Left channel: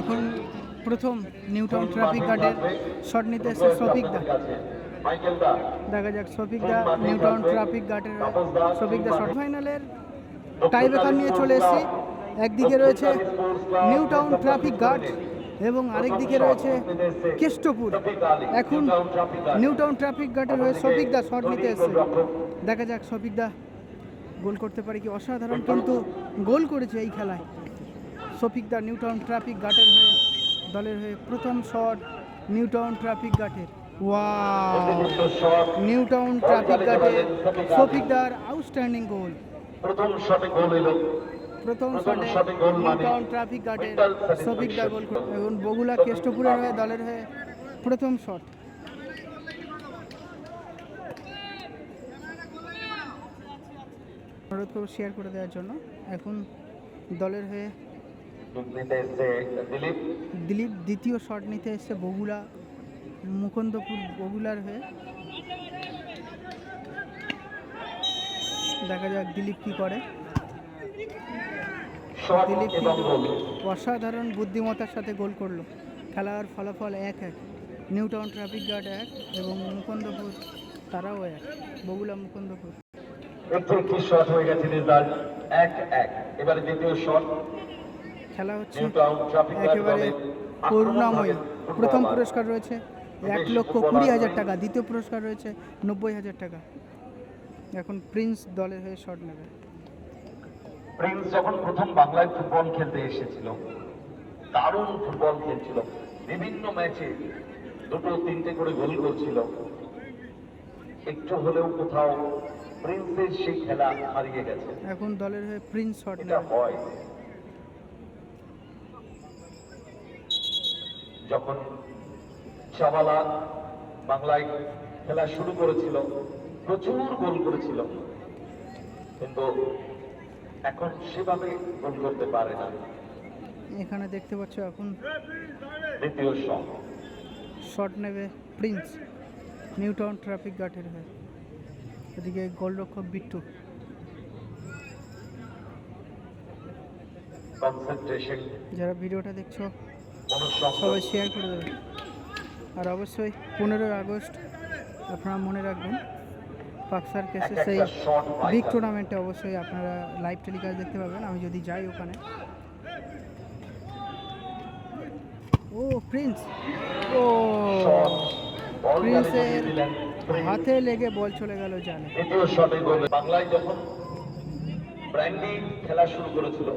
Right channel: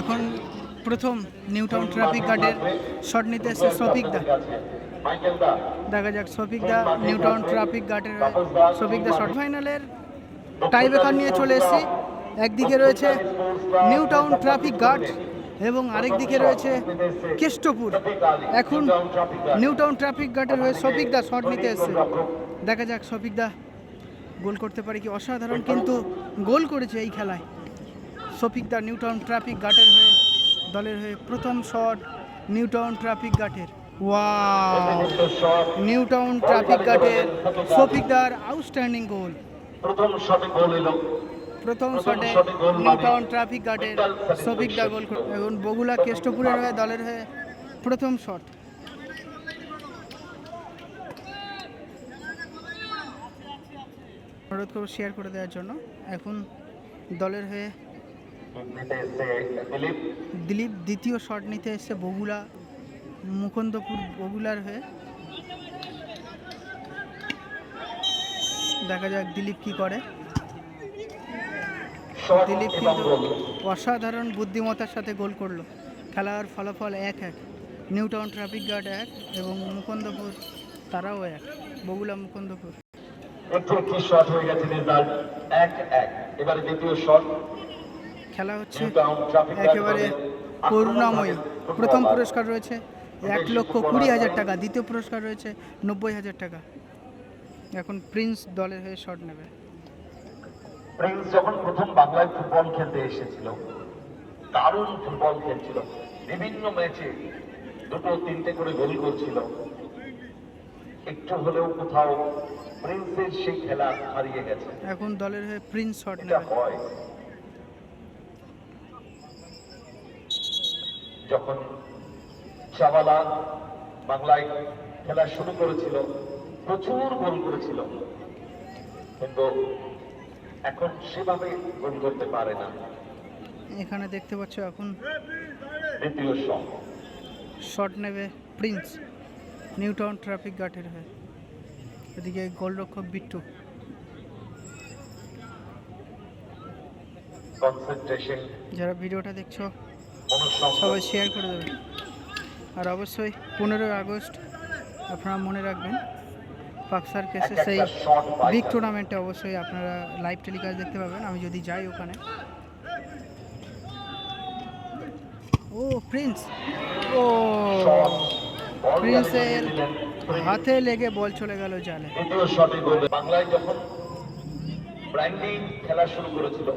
এখন প্রথম নিউটাউন ট্রাফিক গার্ডের শট নিতে এসছে শফিক দা। দেখা যাক শফিক দা নিউটাউন ট্রাফিক গার্ডের হয়ে শফিক দা শর্ট ফাইনালের টাই ব্রেকার নিয়ে চলে এসেছি। একদিকে রয়েছে নিউটাউন ট্রাফিক গার্ড এবং আরেক দিকে রয়েছে কেষ্টপুর। এখন নিউটাউন ট্রাফিক গার্ডের হয়ে শফিক দা শট নিতে এসছে। দেখা যাক শফিক দা গোল করতে পারে কি অসাধারণ, কিন্তু গোল করেছে এই খেলায়। শফিক দা নিউটাউন ট্রাফিক গার্ডের হয়ে দলের হয়ে প্রথম শট নিউটাউন ট্রাফিক গার্ডের ওয়াও! নিউটাউন ট্রাফিক গার্ডের শফিক দার আউটস্ট্যান্ডিং গোল। প্রথম শটে গোল এলো প্রথম শটে নিউটাউন ট্রাফিক গার্ডের শফিক দা গোল এবং বগুলা কেষ্টপুরের হয়ে দলের হয়ে প্রথম শট। অনুরোধ করব শেয়ার করে দেওয়ার জন্য। এখন দলের হয়ে দিলীপ। দ্বিতীয় শট নিতে এসছে বগুলা মুকুন্দপুর বগুলার হয়ে। দেখা যাক দিলীপ কি করে। দিলীপ কিন্তু অসাধারণ বুদ্ধিমত্তার সাথে গোল করল। খেলার ফলাফল এক এক। নিউটাউন ট্রাফিক গার্ড এক এবং মুকুন্দপুর তারাও এক। বগুলা মুকুন্দপুর। একটু শট হয়ে গেছে রেজাল্ট। এক এক। এবারে দ্বিতীয় শট। খেলা হচ্ছে। একেবারে করুণাময়ী। প্রথম পুরস্কার রয়েছে। এক লক্ষ কুড়ি হাজার টাকা। দ্বিতীয় পুরস্কার রয়েছে নব্বই হাজার টাকা। এখন প্রিন্স দলের হয়ে শট নেবে। প্রিন্স যখন প্রথম বাংলায় ফুটবল খেলতে এসেছিল দারুণ ফুটবল খেলছিল। বিভিন্ন ম্যাচে দুটো তিনটে করে গোল করছিল। একটু হলেও কোথাও প্রিন্সের সেই খেলা হারিয়ে গেছে। এখন দলের হয়ে প্রিন্স শট নেবে। হয়। যখন চাওয়ালা বাংলায় খেলা শুরু করেছিল প্রচুর গোল করেছিল। কিন্তু এখন সেভাবে গোল করতে পারে না। এখানে দেখতে পাচ্ছ এখন দ্বিতীয় শট। শট নেবে প্রিন্স। নিউটাউন ট্রাফিক গার্ডের হয়ে। এদিকে গোলরক্ষক বিট্টু। কনসেন্ট্রেশন। যারা ভিডিওটা দেখছ সবাই শেয়ার করে দেবেন। আর অবশ্যই পনেরোই আগস্ট আপনারা মনে রাখবেন পাকসার কেসে সেই বিগ টুর্নামেন্টে অবশ্যই আপনারা লাইভ টেলিকাস্ট দেখতে পাবেন। আমি যদি যাই ওখানে। ও প্রিন্স ও প্রিন্সের হাতে লেগে বল চলে গেল জালে। বাংলায় যখন ব্র্যান্ডি খেলা শুরু করেছিল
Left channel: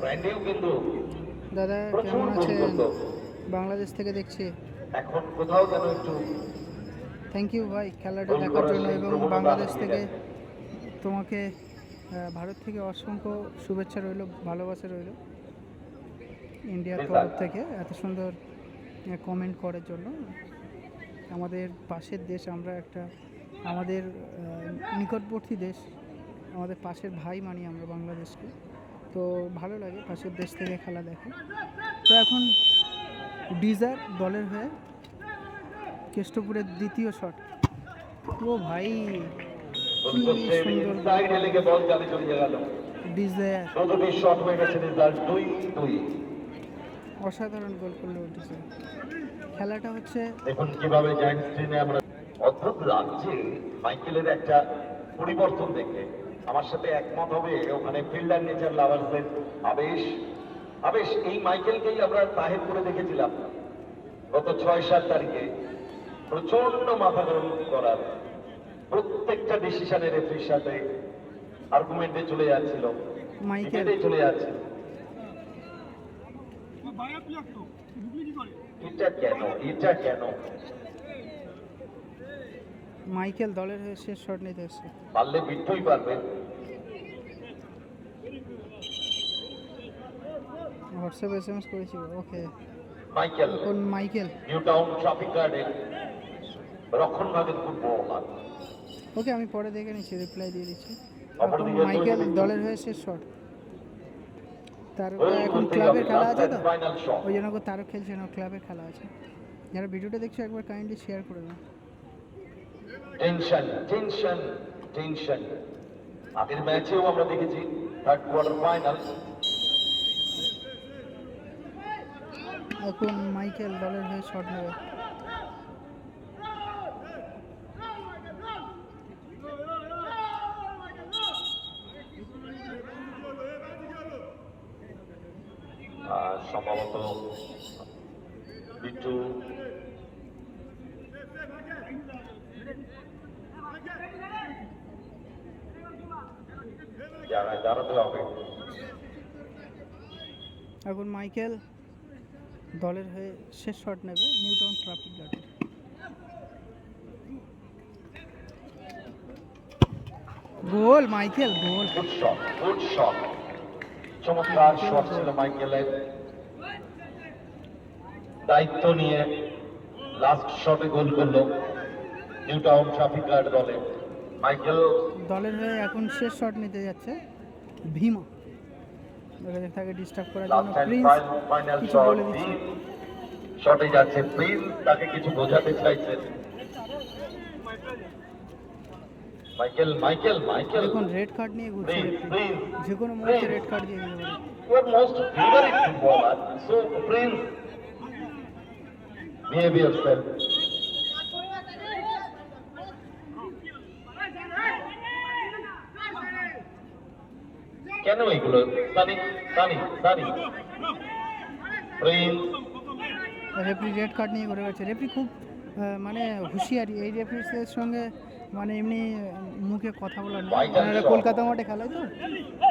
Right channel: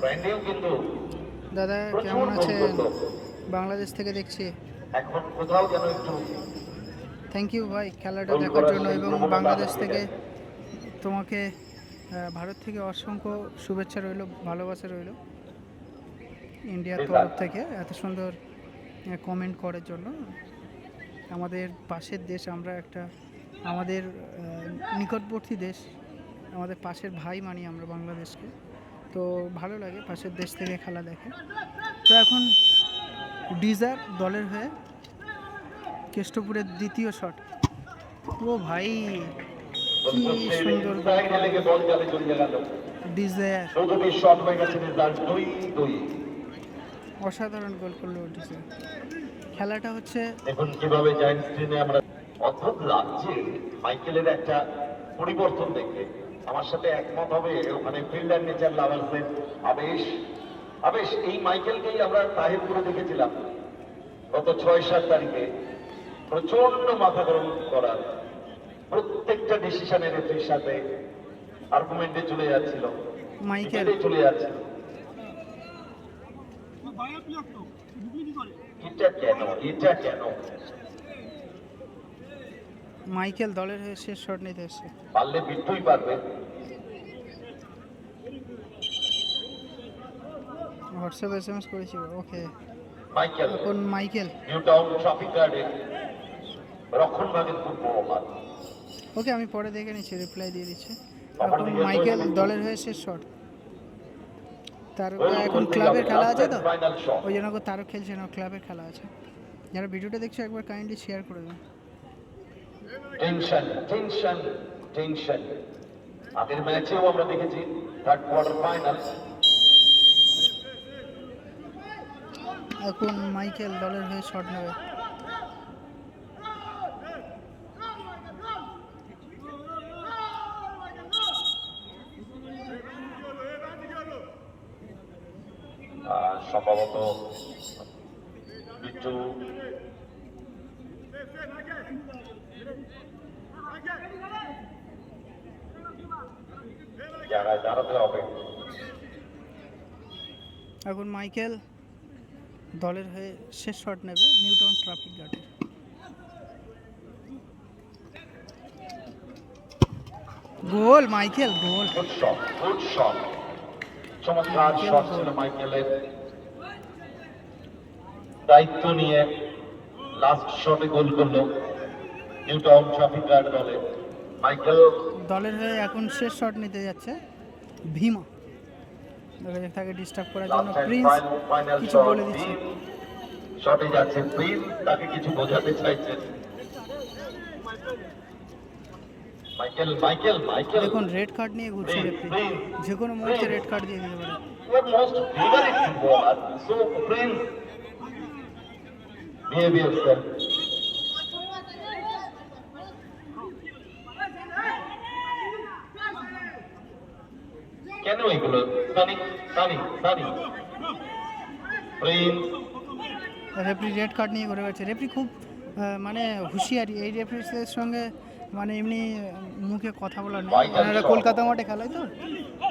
ব্র্যান্ডিও কিন্তু দাদা কেমন আছেন? বাংলাদেশ থেকে দেখছি। থ্যাংক ইউ ভাই খেলাটা দেখার জন্য এবং বাংলাদেশ থেকে তোমাকে ভারত থেকে অসংখ্য শুভেচ্ছা রইল ভালোবাসা রইল ইন্ডিয়ার তরফ থেকে এত সুন্দর কমেন্ট করার জন্য। আমাদের পাশের দেশ আমরা একটা আমাদের নিকটবর্তী দেশ আমাদের পাশের ভাই মানি আমরা বাংলাদেশকে। তো ভালো লাগে, পাশের দেশ থেকে খেলা দেখে। তো এখন ডিজার দলের হয়ে কেষ্টপুরের দ্বিতীয় শট। ও ভাই, কি সুন্দর অসাধারণ গোল করল ডিজায়ার খেলাটা হচ্ছে দেখুন কীভাবে জয়েন্ট স্ক্রিনে আমরা অদ্ভুত লাগছে মাইকেলের একটা পরিবর্তন দেখে। আমার সাথে একমত হবে ওখানে ফিল্ডার নেচার লাগাচ্ছেন আবেশ আবেশ এই মাইকেলকেই আমরা তাহিরপুরে দেখেছিলাম গত ছয় সাত তারিখে। প্রচণ্ড মাথা গরম করা প্রত্যেকটা ডিসিশনে রেফারির সাথে আর্গুমেন্টে চলে যাচ্ছিল। মাইকেল। চলে যাচ্ছিল। এটা কেন? এটা কেন? মাইকেল দলের হয়ে শেষ শট নিতে এসছে পারলে বিট্টুই পারবে। হোয়াটসঅ্যাপ এস এম এস করেছি ওকে। মাইকেল। এখন মাইকেল। নিউটাউন ট্রাফিক গার্ডে রক্ষণ ভাগের খুব বড় মাঠ ওকে আমি পরে দেখে নিচ্ছি রিপ্লাই দিয়ে দিচ্ছি। এখন মাইকেল দলের হয়ে শেষ শট। তার এখন ক্লাবের খেলা আছে তো? ওই জন্য তারও খেলছে না ক্লাবের খেলা আছে। যারা ভিডিওটা দেখছ একবার কাইন্ডলি শেয়ার করে দেবেন টেনশন টেনশন টেনশন আগের ম্যাচেও আমরা দেখেছি থার্ড কোয়ার্টার ফাইনাল এখন মাইকেল দলের হয়ে শট নেবে। সম্ভবত বিট্টু হবে এখন মাইকেল দলের হয়ে শেষ শট নেবে নিউটাউন ট্রাফিক গার্ডের goal Michael goal. Good shot good shot চমৎকার শট ছিল মাইকেলের। দায়িত্ব নিয়ে লাস্ট শটে গোল করল নিউটাউন ট্রাফিক গার্ড দলে। মাইকেল দলের হয়ে এখন শেষ শট নিতে যাচ্ছে। ভীমা। দেখা যাক তাকে ডিস্টার্ব করার জন্য প্রিন্স কিছু বলে দিচ্ছে। শটে যাচ্ছে প্রিন্স তাকে কিছু বোঝাতে চাইছেন মাইকেল মাইকেল মাইকেল দেখুন রেড কার্ড নিয়ে ঘুরছে রেফারি। যে কোনো মুহূর্তে রেড কার্ড দিয়ে দিতে পারে। Your most favorite footballer. So, Prince, behave yourself. কেন এগুলো? Sunny Sunny Sunny. Prince referee red card নিয়ে ঘুরে গেছে রেফারি খুব মানে হুঁশিয়ারি। এই রেফারিদের সঙ্গে মানে এমনি মুখে কথা বলা নেই। এনারা কলকাতা মাঠে খেলায় তো?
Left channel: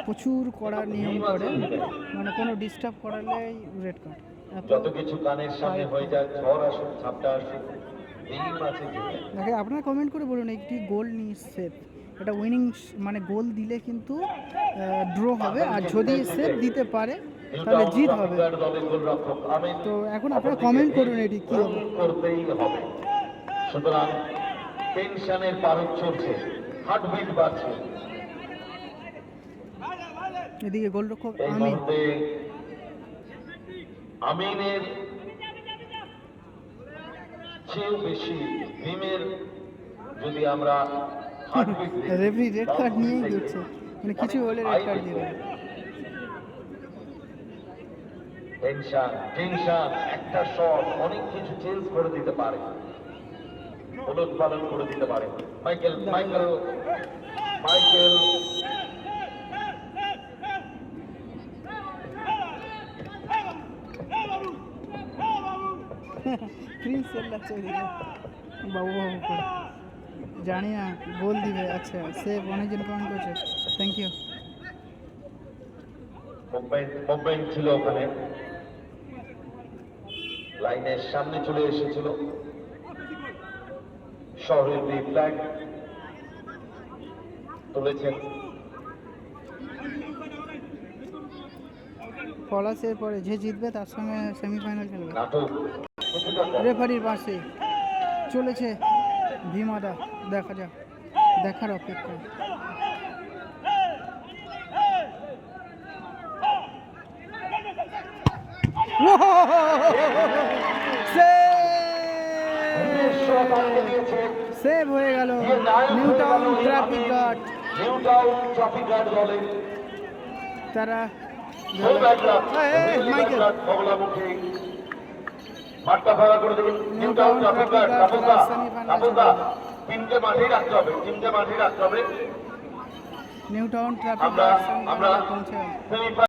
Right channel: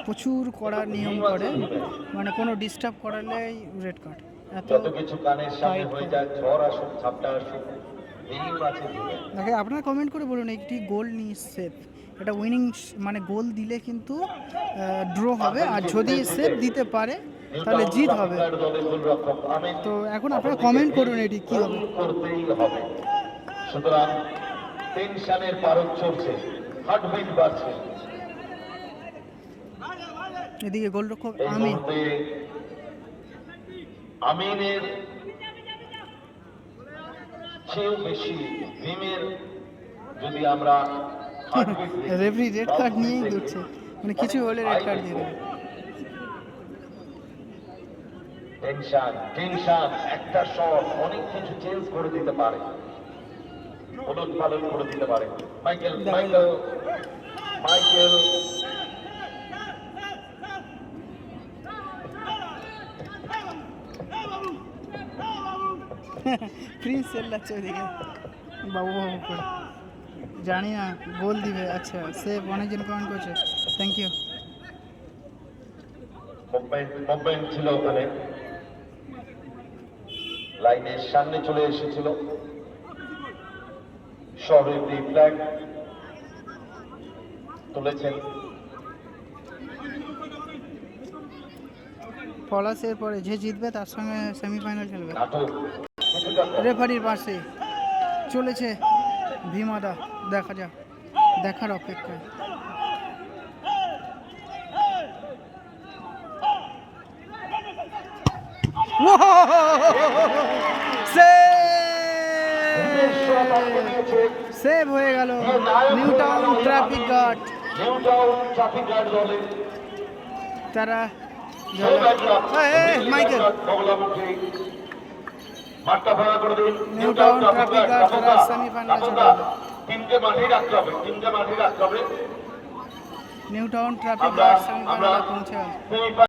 প্রচুর কড়া নিয়ম করে। মানে কোনো ডিস্টার্ব করালেই রেড কার্ড এত কিছু কানের সামনে হয়ে যায় ঝড় আসুক ঝাপটা আসুক। আপনারা কমেন্ট করে বলুন একটি গোল নিয়ে সেফ। এটা উইনিং মানে গোল দিলে কিন্তু ড্র হবে। আর যদি সেফ দিতে পারে তাহলে জিত হবে। তো এখন আপনারা কমেন্ট করুন এটি কী হবে। সুতরাং টেনশনের পারদ চলছে। হার্টবিট বাড়ছে। এদিকে গোলরক্ষক আমিন। আমিনের চেয়েও বেশি ভীমের যদি আমরা রেফারি রেড কার্ড নিয়েই ঘুরছে মানে কিছু হলে রেড কার্ড দিয়ে দেবে। টেনশন টেনশন একটা শট অনেক কিছু চেঞ্জ করে দিতে পারে। উলট পালন করে দিতে পারে। Michael Michael Michael. প্রিন্স চেল্লাচ্ছে ওইদিকে বাবু বাবু করে। জানি না গোল দিবে। আচ্ছা সেভ অনেকজন কমেন্ট করছে। থ্যাংক ইউ মুভমেন্ট ছিল ওখানে। লাইনের সামনে চলে এসেছিল। শহরের দি ফ্ল্যাগ তুলেছেন। পলাশের পরে যে জিতবে তার সঙ্গে সেমিফাইনাল খেলবে। রেফারির পাশে চলেছে ভীমাদা দেখা যাক, দেখার অপেক্ষায়। সেভ হয়ে গেল নিউ টাউন ট্রাফিক গার্ড তারা মাইকেল দিন নিউটাউন ট্রাফিক গার্ড তারা সেমিফাইনালে চলে গেল। তিনটে মাঠে রাখতে হবে তিনটে মাঠে রাখতে হবে। নিউ টাউন ট্রাফিক পৌঁছে